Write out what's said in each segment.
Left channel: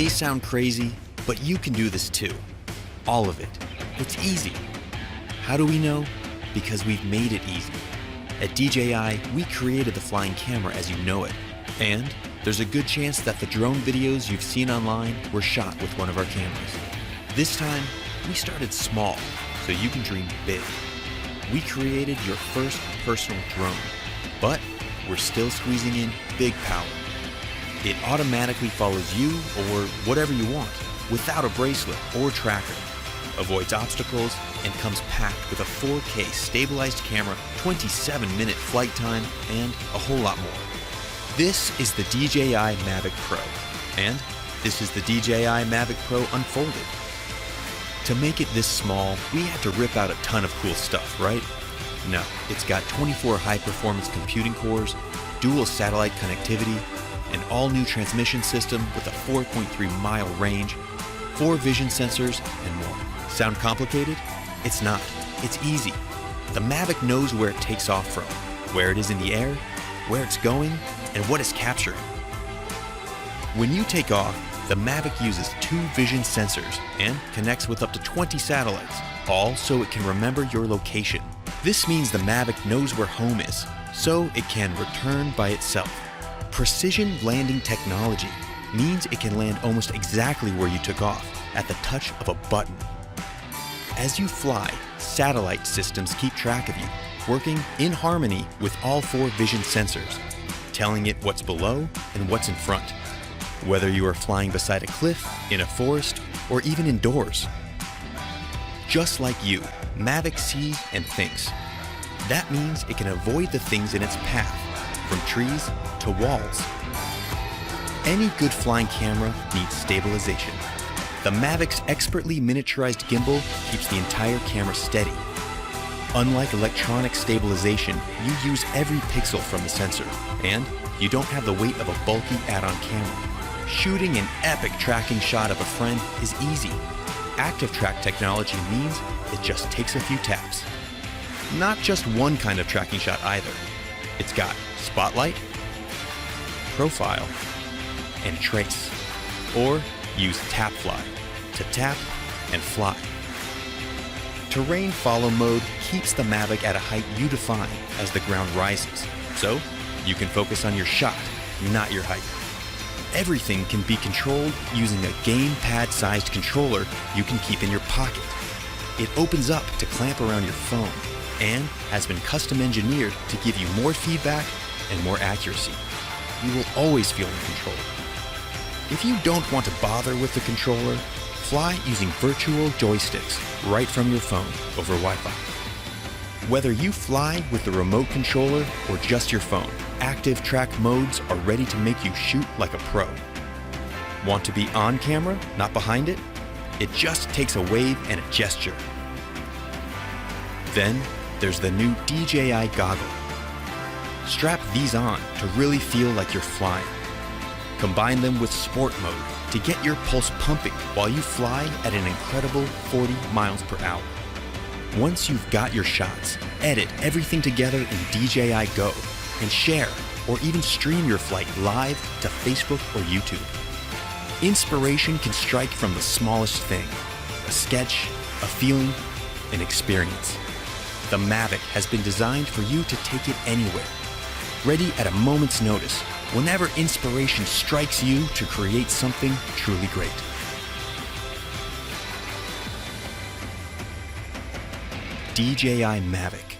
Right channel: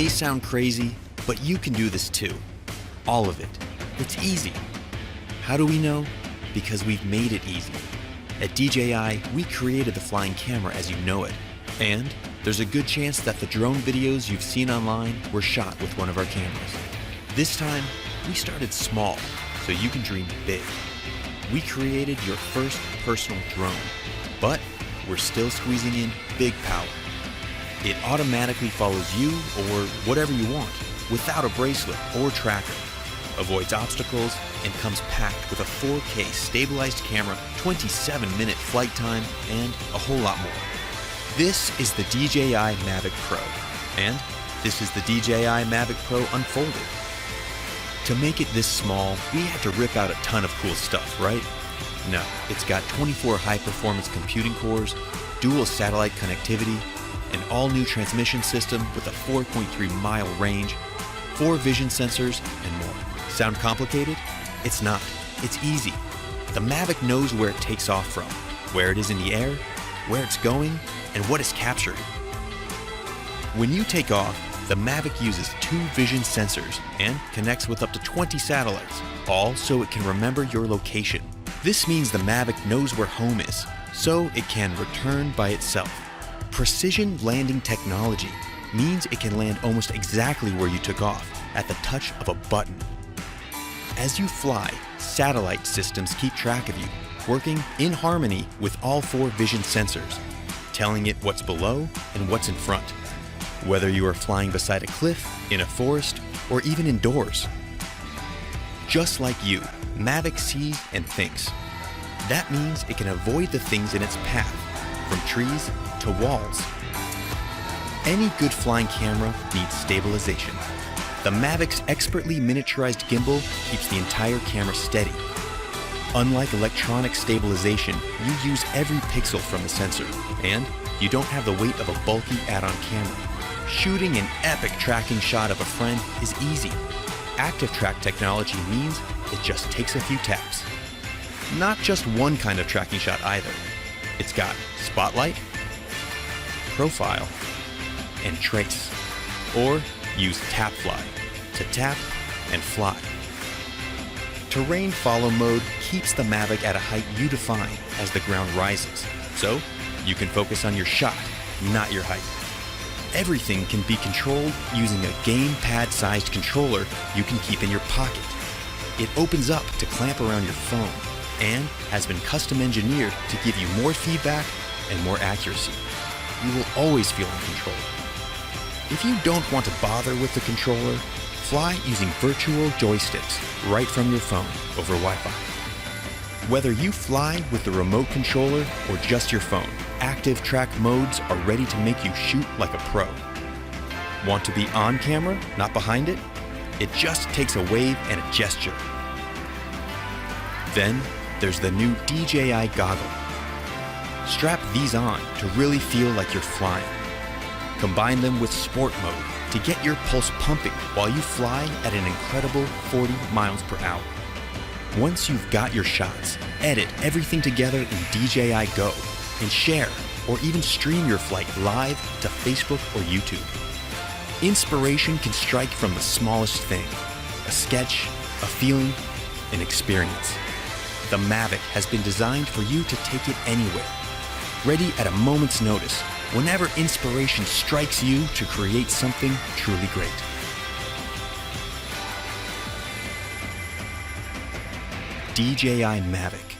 may sound crazy, but you can do this too. All of it. It's easy. How do we know? Because we've made it easy. At DJI, we created the flying camera as you know it. And there's a good chance that the drone videos you've seen online were shot with one of our cameras. This time, we started small, so you can dream big. We created your first personal drone, but we're still squeezing in big power. It automatically follows you or whatever you want, without a bracelet or tracker, avoids obstacles, and comes packed with a 4K stabilized camera, 27-minute flight time, and a whole lot more. This is the DJI Mavic Pro, and this is the DJI Mavic Pro Unfolded. To make it this small, we had to rip out a ton of cool stuff, right? No, it's got 24 high-performance computing cores, dual satellite connectivity, an all-new transmission system with a 4.3-mile range, 4 vision sensors, and more. Sound complicated? It's not. It's easy. The Mavic knows where it takes off from, where it is in the air, where it's going, and what it's capturing. When you take off, the Mavic uses 2 vision sensors and connects with up to 20 satellites, all so it can remember your location. This means the Mavic knows where home is, so it can return by itself. Precision landing technology means it can land almost exactly where you took off, at the touch of a button. As you fly, satellite systems keep track of you, working in harmony with all 4 vision sensors, telling it what's below and what's in front, whether you are flying beside a cliff, in a forest, or even indoors. Just like you, Mavic sees and thinks. That means it can avoid the things in its path, from trees to walls. Any good flying camera needs stabilization. The Mavic's expertly miniaturized gimbal keeps the entire camera steady. Unlike electronic stabilization, you use every pixel from the sensor, and you don't have the weight of a bulky add-on camera. Shooting an epic tracking shot of a friend is easy. Active track technology means it just takes a few taps. Not just one kind of tracking shot either. It's got spotlight, profile, and trace. Or use tap fly to tap and fly. Terrain follow mode keeps the Mavic at a height you define as the ground rises, so you can focus on your shot, not your height. Everything can be controlled using a gamepad-sized controller you can keep in your pocket. It opens up to clamp around your phone and has been custom engineered to give you more feedback and more accuracy. You will always feel in control. If you don't want to bother with the controller, fly using virtual joysticks right from your phone over Wi-Fi. Whether you fly with the remote controller or just your phone, active track modes are ready to make you shoot like a pro. Want to be on camera, not behind it? It just takes a wave and a gesture. Then there's the new DJI goggle. Strap these on to really feel like you're flying. Combine them with sport mode to get your pulse pumping while you fly at an incredible 40 miles per hour. Once you've got your shots, edit everything together in DJI Go and share or even stream your flight live to Facebook or YouTube. Inspiration can strike from the smallest thing: a sketch, a feeling, an experience. The Mavic has been designed for you to take it anywhere, ready at a moment's notice, whenever inspiration strikes you to create something truly great. DJI Mavic,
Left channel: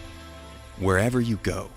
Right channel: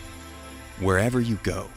wherever you go.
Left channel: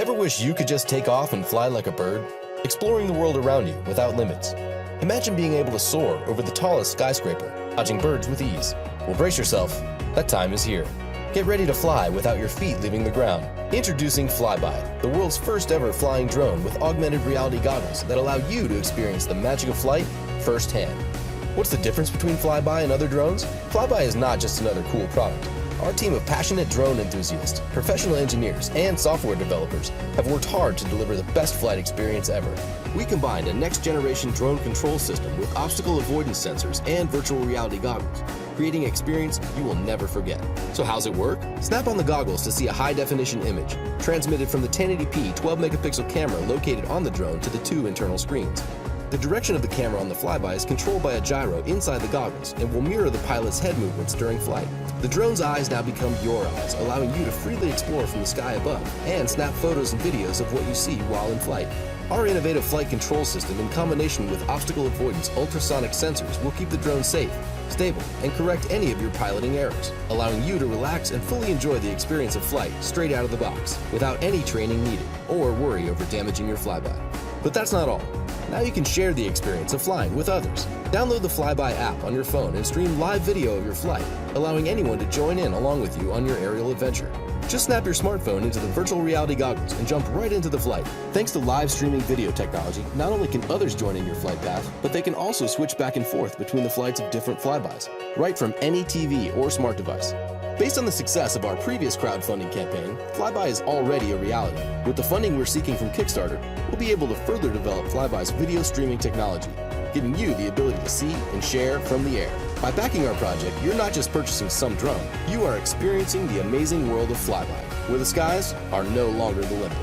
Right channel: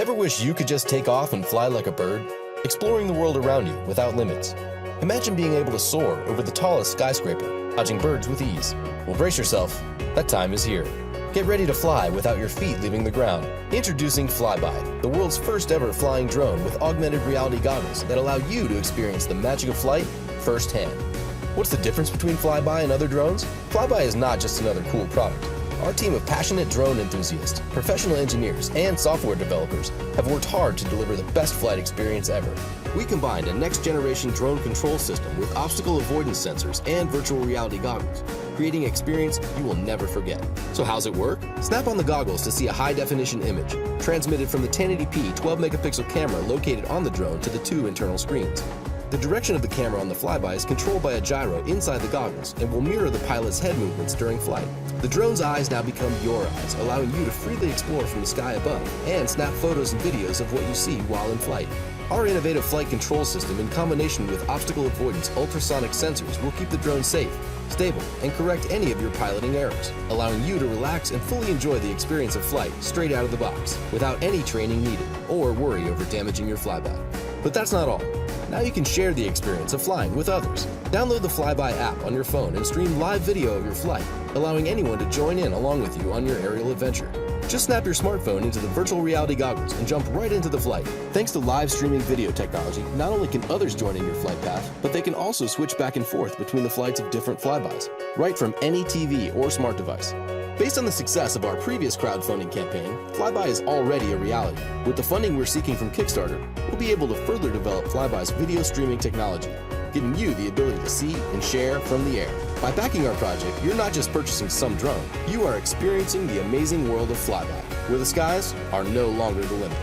Ever wish you could just take off and fly like a bird, exploring the world around you without limits? Imagine being able to soar over the tallest skyscraper, dodging birds with ease. Well, brace yourself, that time is here. Get ready to fly without your feet leaving the ground. Introducing Flybi, the world's first ever flying drone with augmented reality goggles that allow you to experience the magic of flight firsthand. What's the difference between Flybi and other drones? Flybi is not just another cool product. Our team of passionate drone enthusiasts, professional engineers, and software developers have worked hard to deliver the best flight experience ever. We combined a next-generation drone control system with obstacle avoidance sensors and virtual reality goggles, creating an experience you will never forget. So how's it work? Snap on the goggles to see a high-definition image, transmitted from the 1080p 12-megapixel camera located on the drone to the two internal screens. The direction of the camera on the Flybi is controlled by a gyro inside the goggles and will mirror the pilot's head movements during flight. The drone's eyes now become your eyes, allowing you to freely explore from the sky above and snap photos and videos of what you see while in flight. Our innovative flight control system, in combination with obstacle avoidance ultrasonic sensors, will keep the drone safe, stable, and correct any of your piloting errors, allowing you to relax and fully enjoy the experience of flight straight out of the box, without any training needed or worry over damaging your Flybi. But that's not all. Now you can share the experience of flying with others. Download the Flybi app on your phone and stream live video of your flight, allowing anyone to join in along with you on your aerial adventure. Just snap your smartphone into the virtual reality goggles and jump right into the flight. Thanks to live streaming video technology, not only can others join in your flight path, but they can also switch back and forth between the flights of different flybys, right from any TV or smart device. Based on the success of our previous crowdfunding campaign, Flybi is already a reality. With the funding we're seeking from Kickstarter, we'll be able to further develop Flybi's video streaming technology, giving you the ability to see and share from the air. By backing our project, you're not just purchasing some drone, you are experiencing the amazing world of Flybi, where the skies are no longer the limit.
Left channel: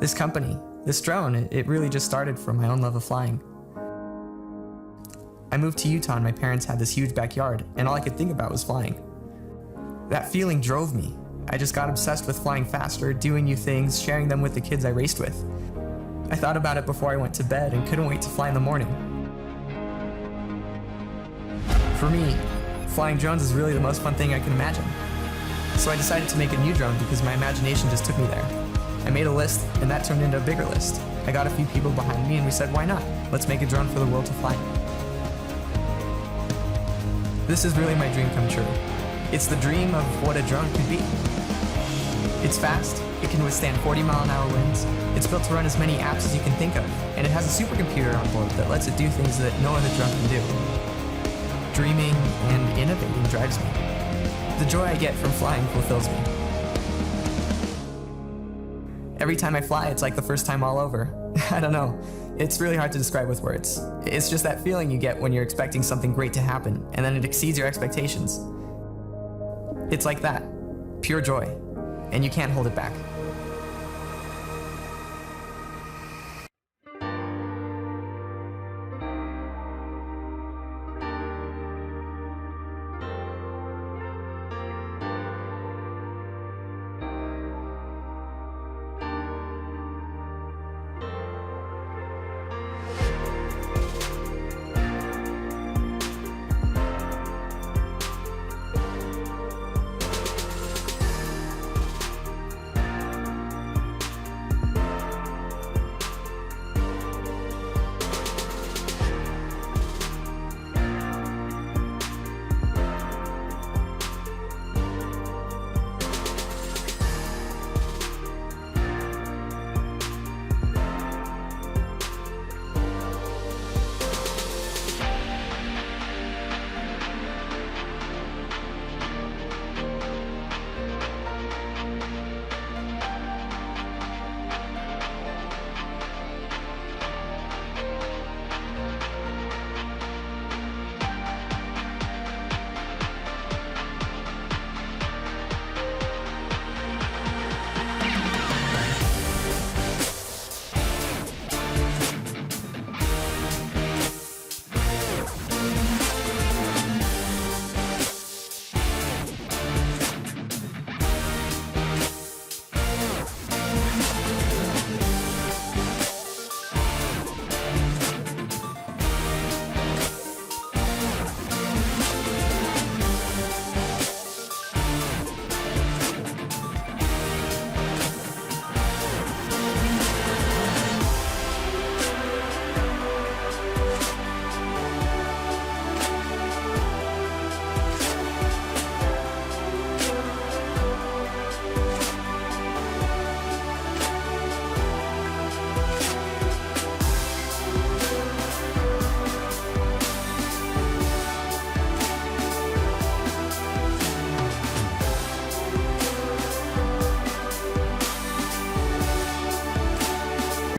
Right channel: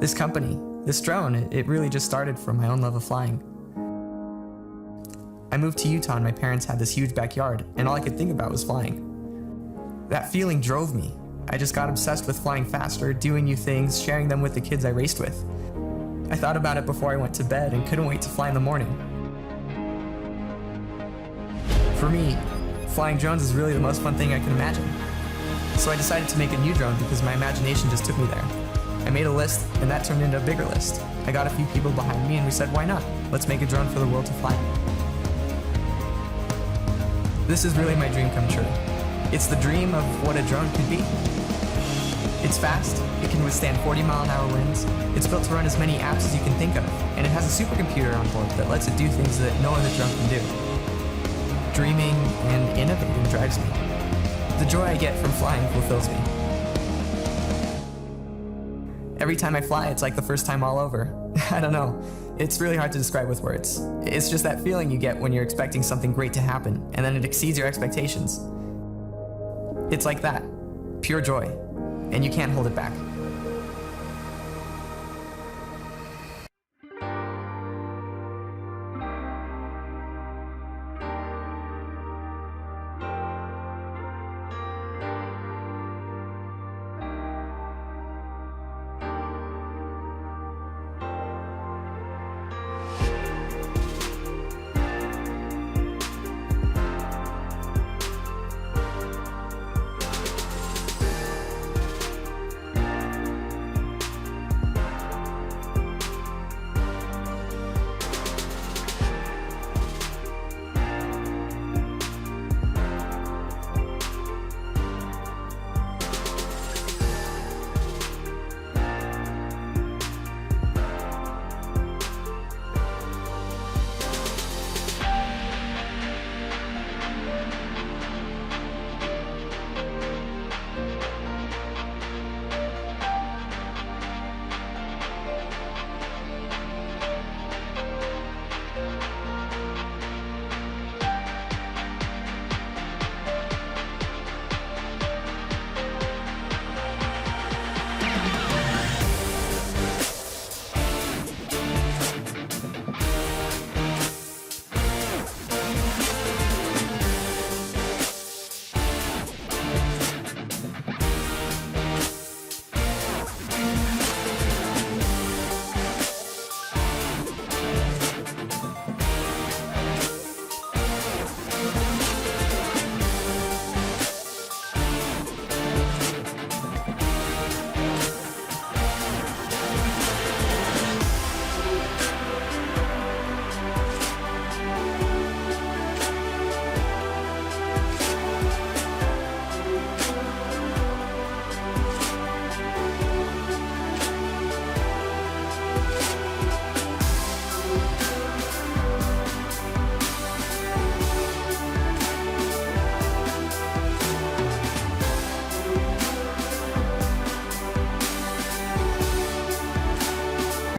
This company, this drone, it really just started from my own love of flying. I moved to Utah and my parents had this huge backyard, and all I could think about was flying. That feeling drove me. I just got obsessed with flying faster, doing new things, sharing them with the kids I raced with. I thought about it before I went to bed and couldn't wait to fly in the morning. For me, flying drones is really the most fun thing I can imagine. So I decided to make a new drone because my imagination just took me there. I made a list, and that turned into a bigger list. I got a few people behind me and we said, why not? Let's make a drone for the world to fly. This is really my dream come true. It's the dream of what a drone could be. It's fast, it can withstand 40-mile-an-hour winds, it's built to run as many apps as you can think of, and it has a supercomputer on board that lets it do things that no other drone can do. Dreaming and innovating drives me. The joy I get from flying fulfills me. Every time I fly, it's like the first time all over. I don't know. It's really hard to describe with words. It's just that feeling you get when you're expecting something great to happen, and then it exceeds your expectations. It's like that. Pure joy. And you can't hold it back.